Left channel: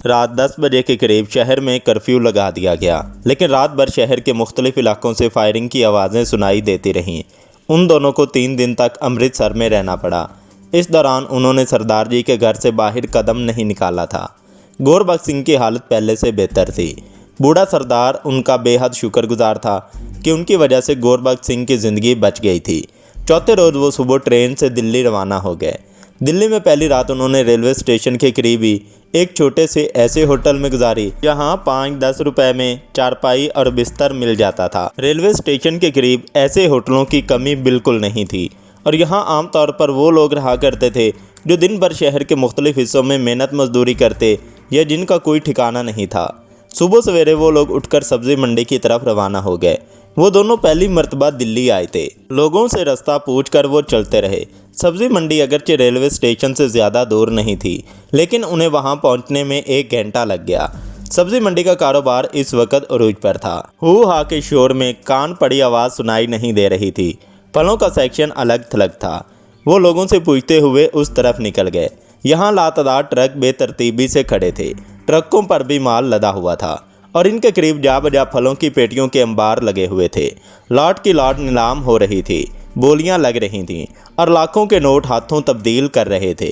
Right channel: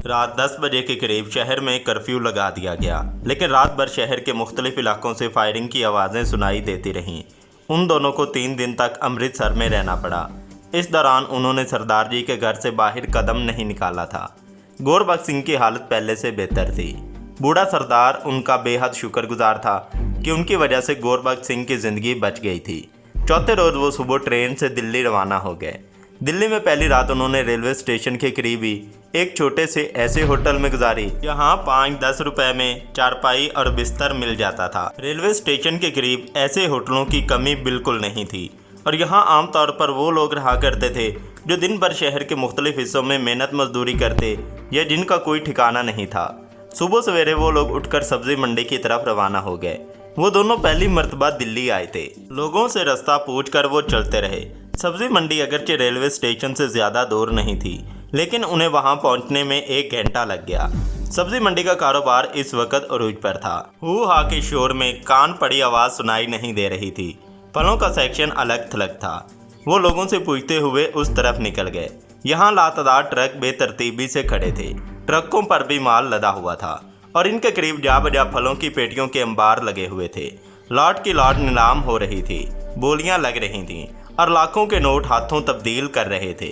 रात 10 बजे के करीब शहर में कर्फ्यू लगा दिया गया, लेकिन रात भर शहर के मुख्तलिफ इलाकों से फायरिंग की आवाज़ें सुनाई देती रहीं। उन दोनों को 3 दिन तक अमृतसर में रहना पड़ा। इस दौरान उन्होंने सरदार जी के घर से बाहर कदम नहीं निकाला था। गोरबख्श सिंह की हालत पहले से बेहतर थी। बूढ़ा सरदार उनका बेहद शुक्रगुजार था कि उनकी वजह से गोरबख्श सिंह की ज़िंदगी बच गई थी। चौथे रोज़ वो सुबह ट्रेन से दिल्ली रवाना हो गए। दिल्ली में पहली रात उन्होंने रेलवे स्टेशन के करीब ही एक छोटे से ऐसे होटल में गुजारी जहां 5-10 रुपए में चारपाई और बिस्तर मिल जाता था। रेलवे स्टेशन के करीब ऐसे होटलों की कमी बिल्कुल नहीं थी और यहां आमतौर पर वो लोग रहा करते थे जो दिन भर शहर के मुख्तलिफ हिस्सों में मेहनत मजदूरी करते या जिनका कोई ठिकाना नहीं था। सुबह सवेरे वो लोग उठकर सब्जी मंडी की तरफ रवाना हो गए। वो दोनों पहली मर्तबा दिल्ली आए थे। लोगों से रास्ता पूछकर वो चलते रहे। सब्जी मंडी अगरचे रेलवे स्टेशन से ज़्यादा दूर नहीं थी, लेकिन उन्हें वहां पहुंचने में 1 घंटा लग गया। सब्जी मंडी का कारोबार इस वक्त अरूज पर था। हू हा के शोर में कान पड़ी आवाज़ सुनाई नहीं दे रही थी। फलों का सेक्शन अलग थलग था। वो लोगों से पूछते हुए उस तरफ निकल गए। यहाँ लातादार ट्रक बेतरतीबी से खड़े थे। ट्रकों पर भी माल लदा हुआ था और इनके करीब जा बजा फलों की पेटियों के अंबार लगे हुए थे। लाट की लाट नीलाम हो रही थी, बोलियां लग रही थीं और लाखों के नोट हाथों तब्दील कर रहे थे।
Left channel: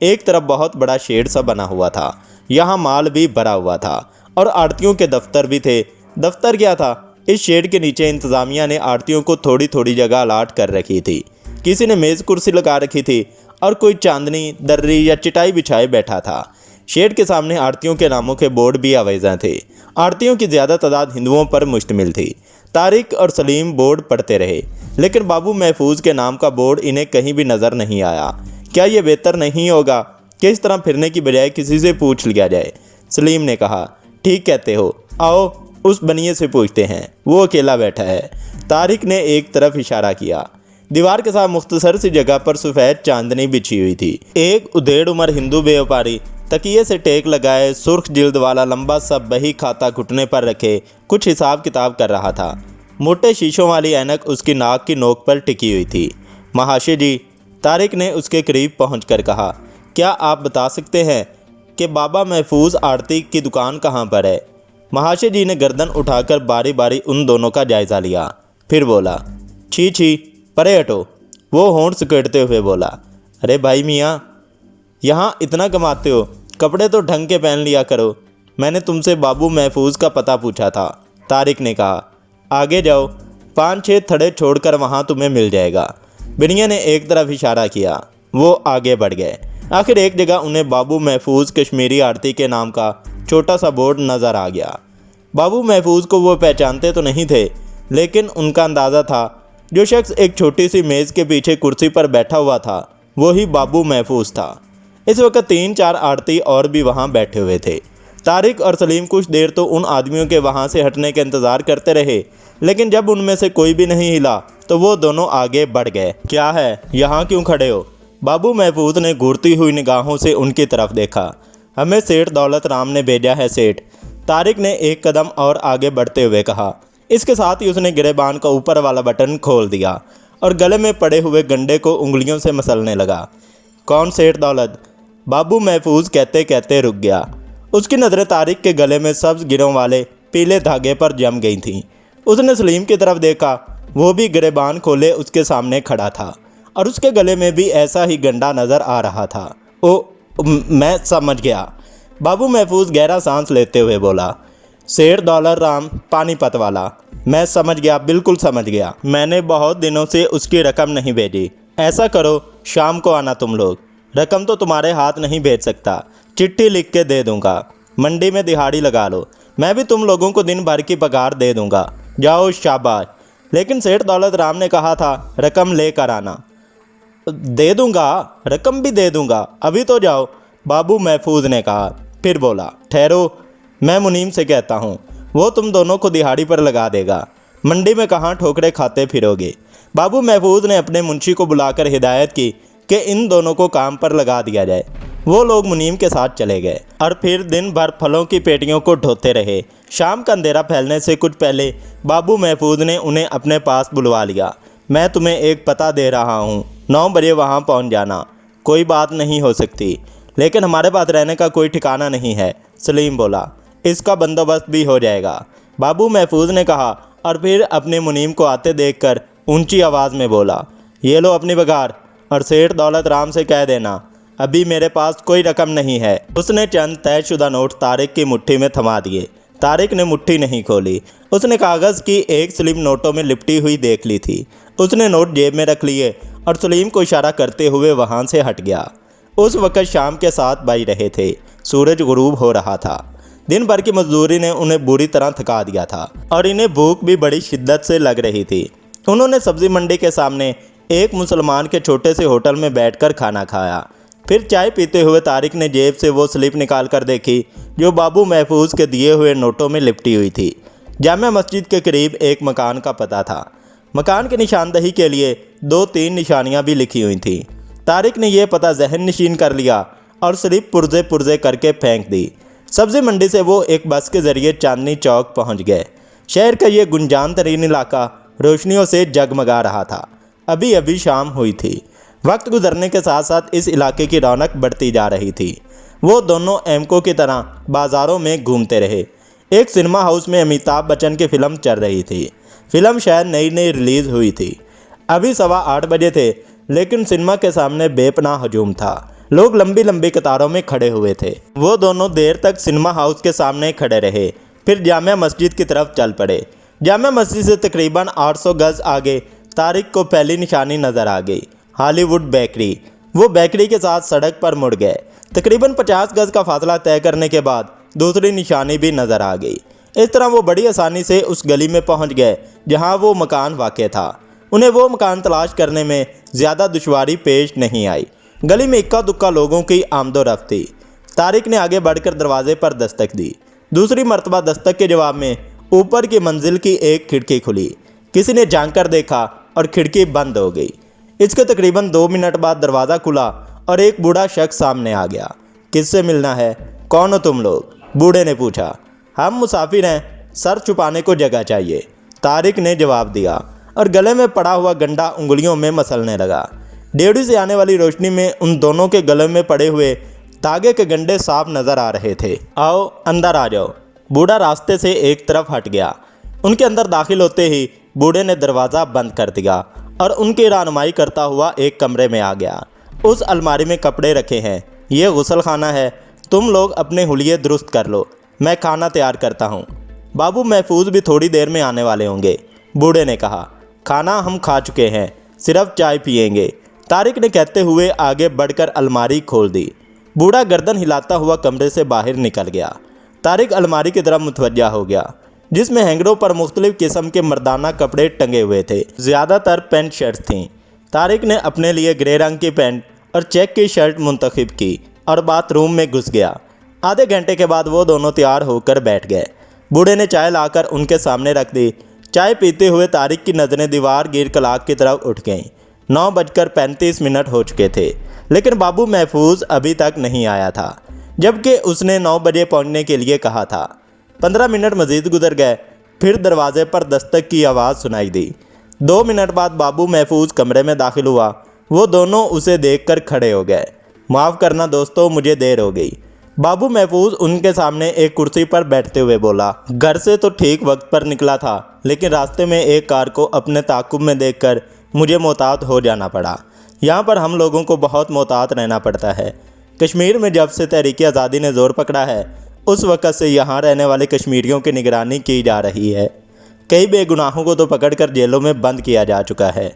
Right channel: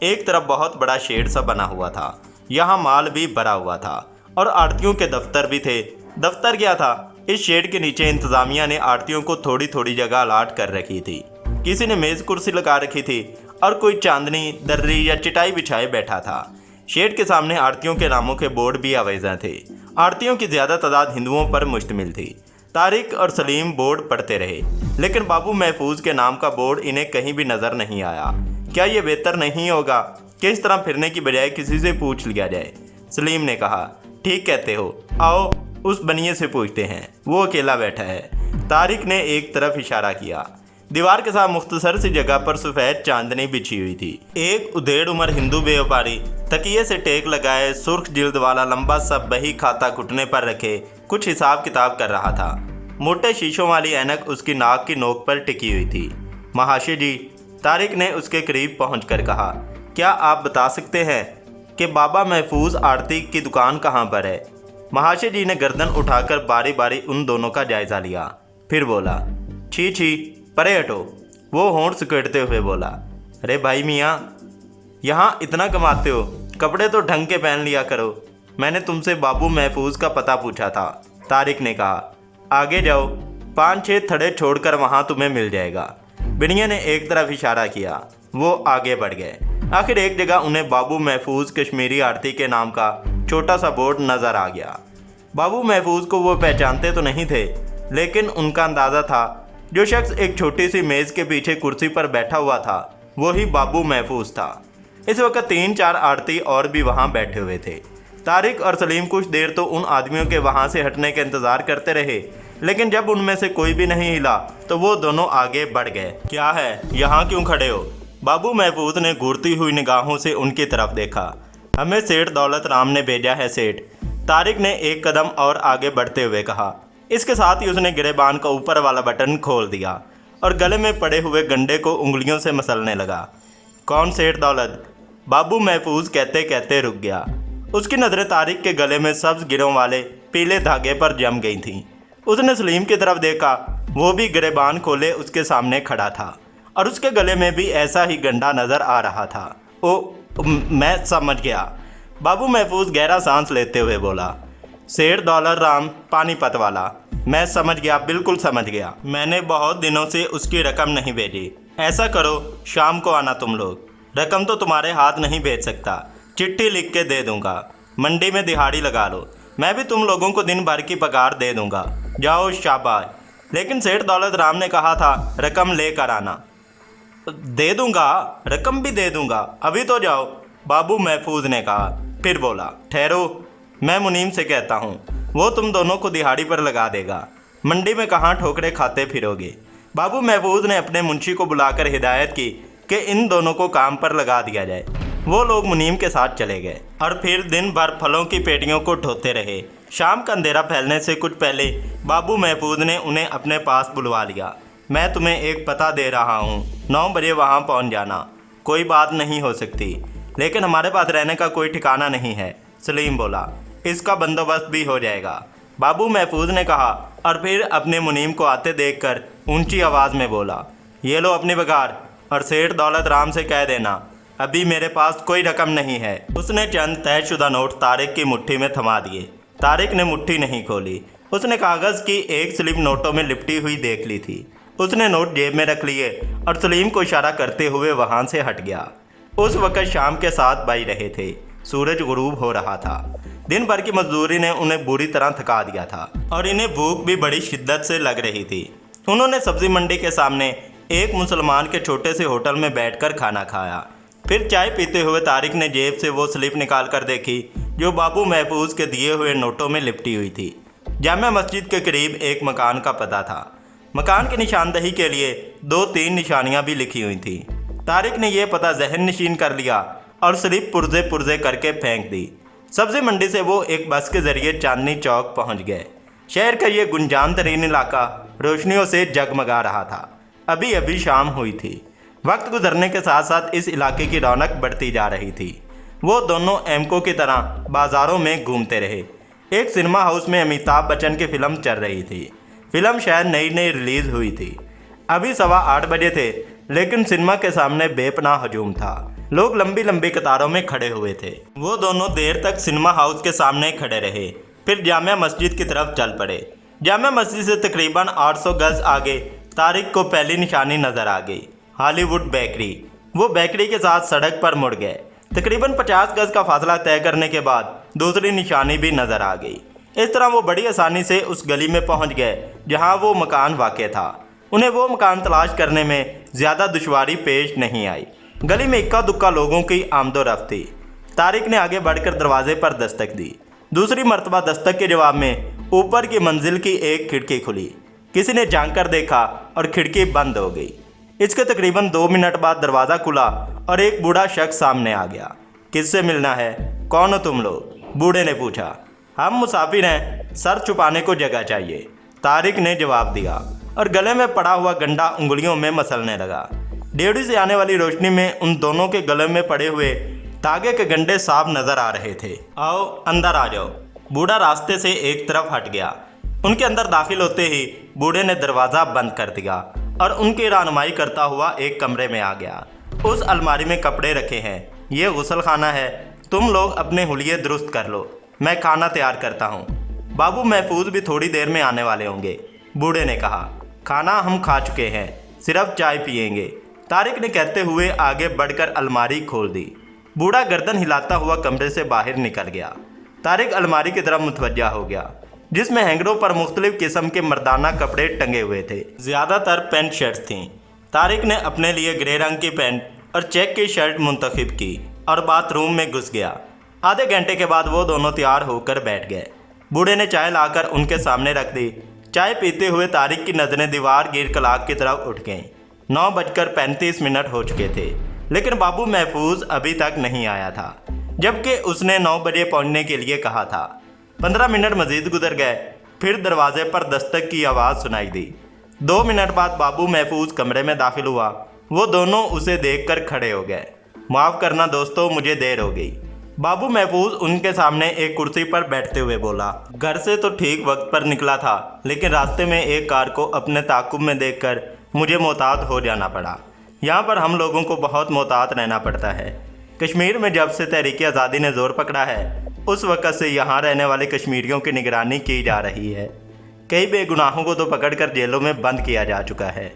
एक तरफ बहुत बड़ा शेड सा बना हुआ था, यहाँ माल भी भरा हुआ था और आड़तियों के दफ्तर भी थे। दफ्तर क्या था, इस शेड के नीचे इंतज़ामिया ने आड़तियों को थोड़ी थोड़ी जगह अलाट कर रखी थी। किसी ने मेज़ कुर्सी लगा रखी थी और कोई चांदनी दर्री या चटाई बिछाए बैठा था। शेड के सामने आड़तियों के नामों के बोर्ड भी आवेज़ा थे। आड़तियों की ज़्यादा तादाद हिंदुओं पर मुश्तमिल थी। तारिक और सलीम बोर्ड पढ़ते रहे, लेकिन बाबू महफूज के नाम का बोर्ड इन्हें कहीं भी नज़र नहीं आया। क्या ये बेहतर नहीं होगा कि इस तरह फिरने की बजाय किसी से पूछ लिया जाए? सलीम ने कहा, ठीक कहते हो, आओ उस बनिए से पूछते हैं, वो अकेला बैठा है। तारिक ने एक तरफ इशारा किया। दीवार के साथ मुख्तसर सी जगह पर सफ़ेद चांदनी बिछी हुई थी। एक उधेड़ उम्र हिंदू व्यापारी तकिए से टेक लगाए सुर्ख जिल्द वाला लंबा सा बही खाता घुटने पर रखे कुछ हिसाब किताब कर रहा था। मोटे शीशों वाली ऐनक उसकी नाक की नोक पर टिकी हुई थी। महाशय जी, तारिक ने उसके करीब पहुंचकर कहा, क्या आप बता सकते हैं कि बाबा महफूज आड़ती की दुकान कहाँ पर है? महाशय जी ने गर्दन उठाकर बारी बारी उन दोनों का जायज़ा लिया, फिर बोला, छी छी, परे हटो। वो होंठ सिकुड़ते हुए बोला, अरे भाई मियाँ, यहाँ इतना कमाते हो, कपड़े तो ढंग के पहन लिया करो। मैंने तुमसे बाबू महफूज का पता पूछा था। तारिक ने कहा, आगे जाओ, 5-6 थड़े छोड़कर वहाँ तुम्हें मिल जाएगा। बिनिया ने एक तरफ इशारा किया। वो आगे बढ़ गए। आखिर एक जगह उन्हें बाबू महफूज कश्मीरी आड़ती के नाम का छोटा सा बोर्ड नज़र आ गया। बाबू महफूज को वो पहचानते तो नहीं थे, लेकिन उनका अंदाज़ा था जो शख्स एक छोटी सी मेज़ के पीछे कुर्सी पर बैठा हुआ था, वही बाबू महफूज था। इस वक्त 3-4 आड़ती और भी वहाँ बैठे हुए थे। तारिक और सलीम कुछ देर तो उन आदमियों के वहाँ से हटने का इंतज़ार करते रहे, लेकिन जब उनमें से कोई भी नहीं हिला तो वो दोनों आगे बढ़ गए। क्या है, यहाँ क्यों खड़े हो? बाबू महफूज ने घूरती हुई निगाहों से उनकी तरफ देखा। हमें सेठ दौलत राम ने भेजा है सेठ। तारिक ने एक कदम और आगे बढ़ते हुए कहा। इसके साथ ही उसने गिरेबान का ऊपर वाला बटन खोल दिया और गले में पड़े हुए गंडे को उंगलियों से मसलने लगा। कौन सेठ दौलत? बाबू महफूज कहते कहते रुक गया। उसकी नज़रें तारिक के गले में सब्ज़ गिरों वाले पीले धागे पर जम गई थीं। उसने सलीम की तरफ देखा। वो भी गिरेबान खोले उसके सामने खड़ा था और उसके गले में भी ऐसा ही गंडा नज़र आ रहा था। ओ, मैं समझ गया। बाबू महफूज गहरा सांस लेते हुए बोला, सेठ दौलत राम पानीपत वाला। मैं समझ गया, बिल्कुल समझ गया। मैंने बहुत दिनों से उसकी रकम नहीं भेजी। ऐसा करो, शाम को आना तुम लोग। रकम तो तुम्हारे हाथ नहीं भेज सकता, चिट्ठी लिख के दे दूंगा। मंडी में दिहाड़ी लगा लो, मैं भी तुम लोगों को दिन भर की पगार दे दूंगा। जाओ, शाबाश। लेकिन सेठ दौलत राम ने कहा था रकम लेकर आना। दे दूंगा, रकम भी दे दूंगा, अभी तो जाओ, बाबू महफूज ने कहा। फिर बोला, ठहरो, मैं मुनीम से कहता हूँ, वो तुम दोनों को दिहाड़ी पर लगा देगा। मंडी में कहाँ ठोकरे खाते फिरोगे? बाबू महफूज ने अपने मुंशी को बुलाकर हिदायत की कि इन दोनों को काम पर लगा दिया जाए। वो लोग मुनीम के साथ चले गए और फिर दिन भर फलों की पेटियों को ढोते रहे। शाम का अंधेरा फैलने से कुछ पहले बाबू महफूज ने उन्हें अपने पास बुलवा लिया। मैं तुम्हें एक पता दे रहा हूँ, 9 बजे वहाँ पहुँच जाना। कोई बात नहीं हो सकती, लेकिन हमारे पास रहने का कोई ठिकाना नहीं है। सलीम बोला, इसका बंदोबस्त भी हो जाएगा। बाबू महफूज ने कहा और फिर अपने मुनीम को आते देखकर ऊंची आवाज़ में बोला, ये लो अपनी बघार और सेठ दौलत राम से कह देना अभी मेरे पास कोई रकम नहीं है। उसने चंद तयशुदा नोट तारिक की मुट्ठी में थमा दिए। तारिक ने मुट्ठी नहीं खोली। उसने कागज़ की एक स्लिप नोटों में लिपटी हुई देख ली थी। उसने नोट जेब में रख लिए और सलीम को इशारा करते हुए वहाँ से हट गया। उस वक़्त शाम के 7 बज रहे थे। सूरज गुरूब हो रहा था। दिन भर की मजदूरी ने उन्हें बुरी तरह थका दिया था और इन्हें भूख भी बड़ी शिद्दत से लग रही थी। उन्होंने सब्ज़ी मंडी के सामने एक मुसलमान के छोटे से होटल में बैठकर खाना खाया। फिर चाय पीते हुए तारिक ने जेब से वो स्लिप निकाल कर देखी जो बाबू महफूज के दिए हुए नोटों में लिपटी हुई थी। जामिया मस्जिद के करीब एक मकान का पता था। मकान की निशानदही के लिए 2-3 निशानियां भी लिखी हुई थीं। तारिक ने यह पता जहन नशीन कर लिया और स्लिप पुर्जे पुर्जे करके फेंक दी। सब्ज़ी मंडी से वो एक बस के ज़रिए चांदनी चौक पहुंच गए। शहर का ये गुंजान तरीन इलाका रोशनियों से जगमगा रहा था। अभी अभी शाम हुई थी। वक्त गुजरने के साथ साथ इस इलाके की रौनक बढ़ती जा रही थी। वो दोनों एमको की तरह बाज़ारों में घूमते रहे। एक सिनेमा हाउस में अमिताभ बच्चन की फ़िल्म चल रही थी। फ़िल्म शायद नई नई रिलीज़ हुई थी। अभी 8:15 बजे थे, लेकिन सिनेमा के सामने बेपनाह हजूम था। लोग लंबी लंबी कतारों में खड़े हुए थे। वो दोनों देर तक सिनेमा हाउस के सामने खड़े रहे, फिर जामिया मस्जिद की तरफ चल पड़े। जामिया मस्जिद से तकरीबन 800 गज़ आगे तारिक को पहली निशानी नज़र आ गई, हॉलीवुड बेकरी। वो बेकरी के साथ सड़क पर मुड़ गए। तकरीबन 50 गज़ का फासला तय करने के बाद दूसरी निशानी भी नज़र आ गई। इस तरह वो बड़ी आसानी से उस गली में पहुंच गए जहां वो मकान वाक़ था। उन्हें वो मकान तलाश करने में ज़्यादा दुश्वारी पेश नहीं आई। गली में इक्का दुक्का लोगों की आमदोरफ्त थी। तारिक ने आगे बढ़कर दरवाजे पर दस्तक दी। दूसरी मरतबा दस्तक के जवाब में ऊपर की मंजिल की एक खिड़की खुली। किसी ने झांक कर देखा और खिड़की बंद हो गई। इसके तकरीबन 2 मिनट बाद दरवाज़ा खुला और एक बूढ़ा शख्स सामने आ गया। किससे मिलना है? कौन हो तुम लोग? बूढ़े ने पूछा। हम मुसाफिर हैं, सर छुपाने को जगह चाहिए, तारिक ने जवाब दिया और गले में पड़ा हुआ गंडा उंगलियों में मसलने लगा। डेवड़ी से आने वाली रोशनी में उन दोनों के गले में पड़े हुए तागे के गंडे साफ नज़र आ रहे थे। आओ अंदर आ जाओ। बूढ़ा रास्ते से एक तरफ हट गया। उनके अंदर दाखिल होते ही बूढ़े ने दरवाज़ा बंद कर दिया और उनकी रहनुमाई करता हुआ एक कमरे में आ गया। उस अलमारी में कपड़े रखे हैं। ये गुसल खाना है। तुम लोग अपने हुलिये दुरुस्त कर लो, मैं खाना तैयार करता हूँ। बाबू महफूज भी थोड़ी देर में आने वाले होंगे, बूढ़े ने कहा। खाना हम खा चुके हैं, सिर्फ चाय पिएंगे, तारिक ने कहते हुए आगे बढ़कर अलमारी खोल दी। बूढ़ा गर्दन हिलाता हुआ कमरे से बाहर निकल गया। तारिक अलमारी की तरफ मुतवज्जा हो गया, जिसमें हैंगरों पर मुख्तलिफ किस्म के मर्दाना कपड़े टंगे हुए थे। ज़्यादातर पैंट शर्ट्स थीं। तारिक ने अपने लिए ग्रे रंग की पैंट और चेक की शर्ट मुंतखब की और बाथरूम में घुस गया। आधे घंटे के बाद वो दोनों तैयार होकर बैठ गए। बूढ़े ने चाय लाकर उनके सामने रख दी। चाय पीते हुए तारिक की नज़रें दीवार गिर कलाक की तरफ उठ गईं। 9:35 हो चुके थे, लेकिन बाबू महफूज अभी तक नहीं आया था, जबकि उसने 9 बजे पहुंचने के लिए कहा था। 15 मिनट मज़ीद गुजर गए। फिर दरवाजे पर दस्तक की आवाज़ सुनाई दी। 2 मिनट बाद बाबू महफूज कमरे में दाखिल हुआ। वो दोनों उसे देखकर खड़े हो गए। माफ़ करना दोस्तों, मुझे देर हो गई। बाबू महफूज उनके सामने एक कुर्सी पर बैठते हुए बोला। घर से तो ठीक वक्त पर निकला था, लेकिन रास्ते में एक कार को अपने ताक़ुब में देखकर मुझे मोहतात हो जाना पड़ा। यहाँ पर हम लोगों को बहुत मोहतात रहना पड़ता है। कश्मीर में जब से तहरीक आज़ादी ने ज़ोर पकड़ा है, उस वक़्त से यहाँ रहने वाले कश्मीरियों की निगरानी की जा रही है। कई बेगुनाहों को तो पकड़कर जेलों में बंद किया जा चुका है।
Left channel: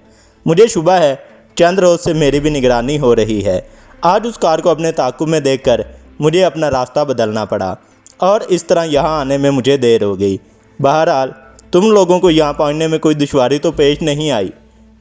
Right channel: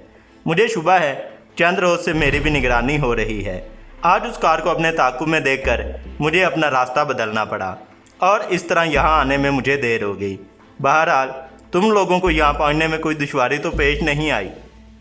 मुझे शुबा है चंद रोज़ से मेरी भी निगरानी हो रही है। आज उस कार को अपने ताक़ुब में देखकर मुझे अपना रास्ता बदलना पड़ा और इस तरह यहाँ आने में मुझे देर हो गई। बहरहाल तुम लोगों को यहाँ पहुँचने में कोई दुश्वारी तो पेश नहीं आई।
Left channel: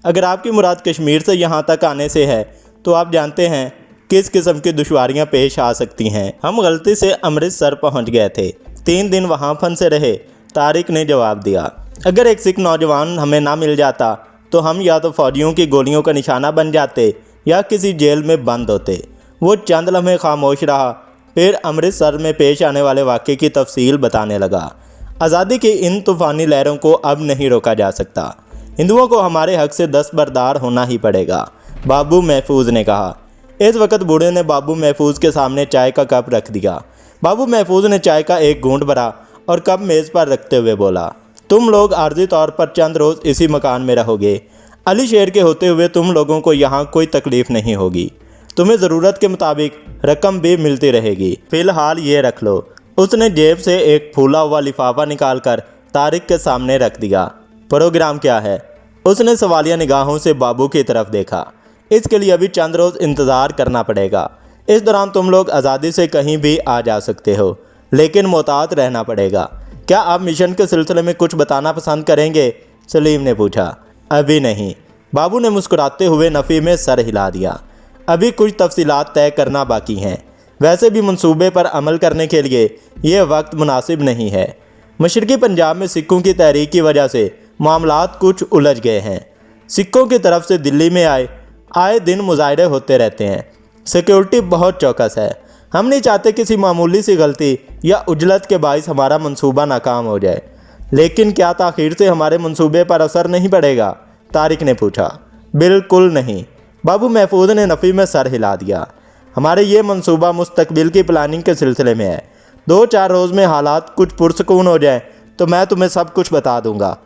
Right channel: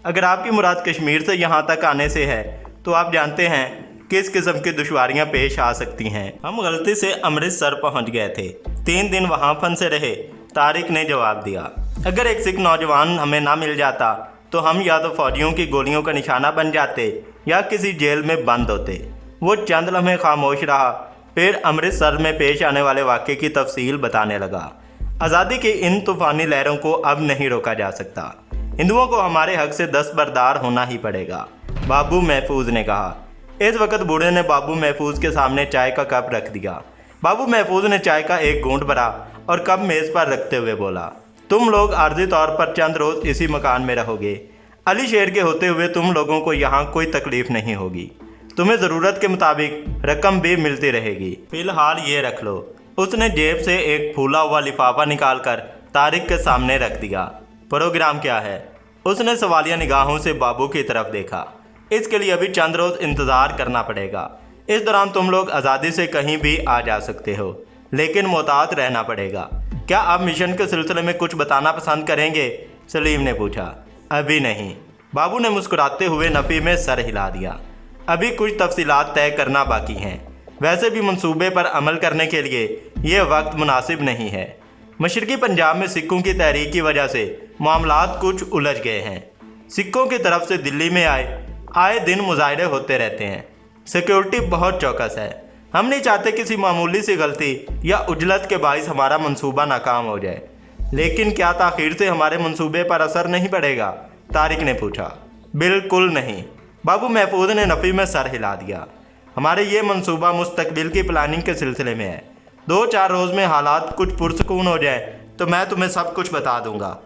अगर आपकी मुराद कश्मीर से यहाँ तक आने से है तो आप जानते हैं किस किस्म की दुश्वारियाँ पेश आ सकती हैं। हम गलती से अमृतसर पहुँच गए थे, 3 दिन वहाँ फंसे रहे, तारिक ने जवाब दिया। अगर एक सिख नौजवान हमें ना मिल जाता तो हम या तो फौजियों की गोलियों का निशाना बन जाते या किसी जेल में बंद होते। वो चंद लम्हे खामोश रहा, फिर अमृतसर में पेश आने वाले वाक़े की तफसील बताने लगा। आज़ादी की इन तूफ़ानी लहरों को अब नहीं रोका जा सकता। हिंदुओं को हमारे हक से दस्तबरदार होना ही पड़ेगा, बाबू महफूज ने कहा। इस वक्त बूढ़े ने बाबू महफूज के सामने चाय का कप रख दिया। बाबू महफूज ने चाय का एक घूंट भरा और कप मेज़ पर रखते हुए बोला, तुम लोग आर्जी तौर पर चंद रोज़ इसी मकान में रहोगे। अली शेर के होते हुए तुम लोगों को यहाँ कोई तकलीफ़ नहीं होगी। तुम्हें ज़रूरत के मुताबिक रकम भी मिलती रहेगी। फ़िलहाल ये रख लो। उसने जेब से एक फूला हुआ लिफाफा निकालकर तारिक के सामने रख दिया। प्रोग्राम क्या है? उसने सवालिया निगाहों से बाबू की तरफ देखा। इसके लिए अभी चंद रोज़ इंतज़ार करना पड़ेगा। इस दौरान तुम लोग आज़ादी से कहीं भी आ जा सकते हो, लेकिन मोहतात रहना पड़ेगा। क्या आप मिशन के सिलसिले में कुछ बताना पसंद करेंगे? सलीम ने पूछा। अभी नहीं। बाबू ने मुस्कुराते हुए नफ़ी में सर हिला दिया। अभी कुछ तफसीलात तय करना बाकी हैं। वैसे भी मंसूबे पर अमल करने के लिए ये वक्त मुनासिब नहीं है। मशरक़ी पंजाब में सिखों की तहरीक की वजह से मामलात कुछ उलझ गए हैं। सिखों की तरफ से दिल्ली में आए दिन मुजाहरे होते रहते हैं। सिक्योरिटी बहुत चौकस है। हम नहीं चाहते किसी मामूली सी गलती या उजलत के बाइस हमारा मंसूबा नाकाम हो जाए। लेकिन क्या ताख़ीर से हमारे मंसूबे पर असर नहीं पड़ेगा? तारिक ने पूछा। बिल्कुल नहीं। बाबू महफूज ने नफ़ी में सर हिला दिया। हमारे ये मंसूबा मुस्तकबिल की प्लानिंग के सिलसिले में है। 2-4 रोज़ में हालात कुछ पुरसकून हो जाए तो मैं तुम्हें सब कुछ बता दूंगा।